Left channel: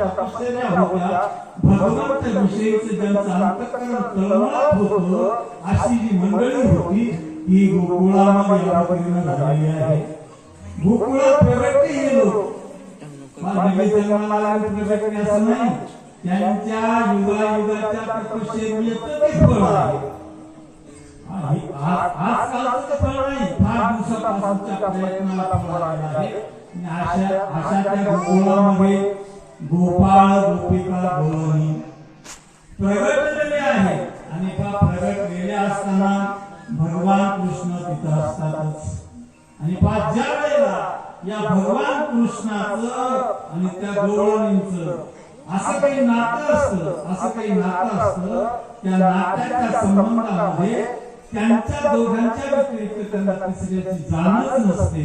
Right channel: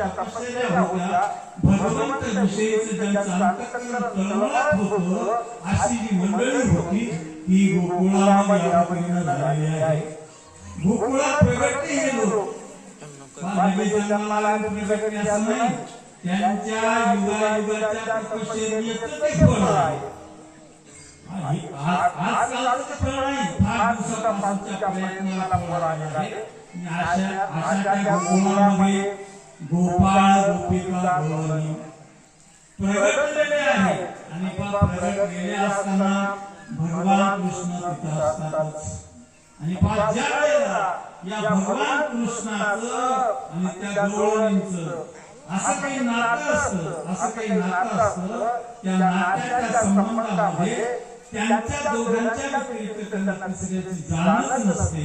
होत्या भगवंत विषयीच ज्यांचं अंतकरण तळमळत होत अशी जी मंडळी होती ही गोकुळामध्ये अवतीर्ण झालेली आहे. गोकुळात प्रगती हे लोक. जन्माला असं नाही त्यांच्या युगायुगाच्या तपश्चर्येचं ते फळ आहे. आजकालचं ते फळ नाही. फार दिवसापासूनच्या प्रयत्नाला फळ आले आहे. अशा अशा त्या गोकुळामध्ये गोपाळ गोपिका गोवानी. प्रगटलेले आहे. आणि बा प्रगटलेले असताना भगवान कृष्ण तिथं असतातच आणि पा ज्या वेळेला या भगवान कृष्णाचं आणि त्या गवळणींचं असं काही नातं असतं असं काही नातं असतं त्या नात्याच्या संबंधामध्ये त्यांच्या दोघांच्या व्यतिरिक्त त्यांना तिसऱ्याची जाणच नसते.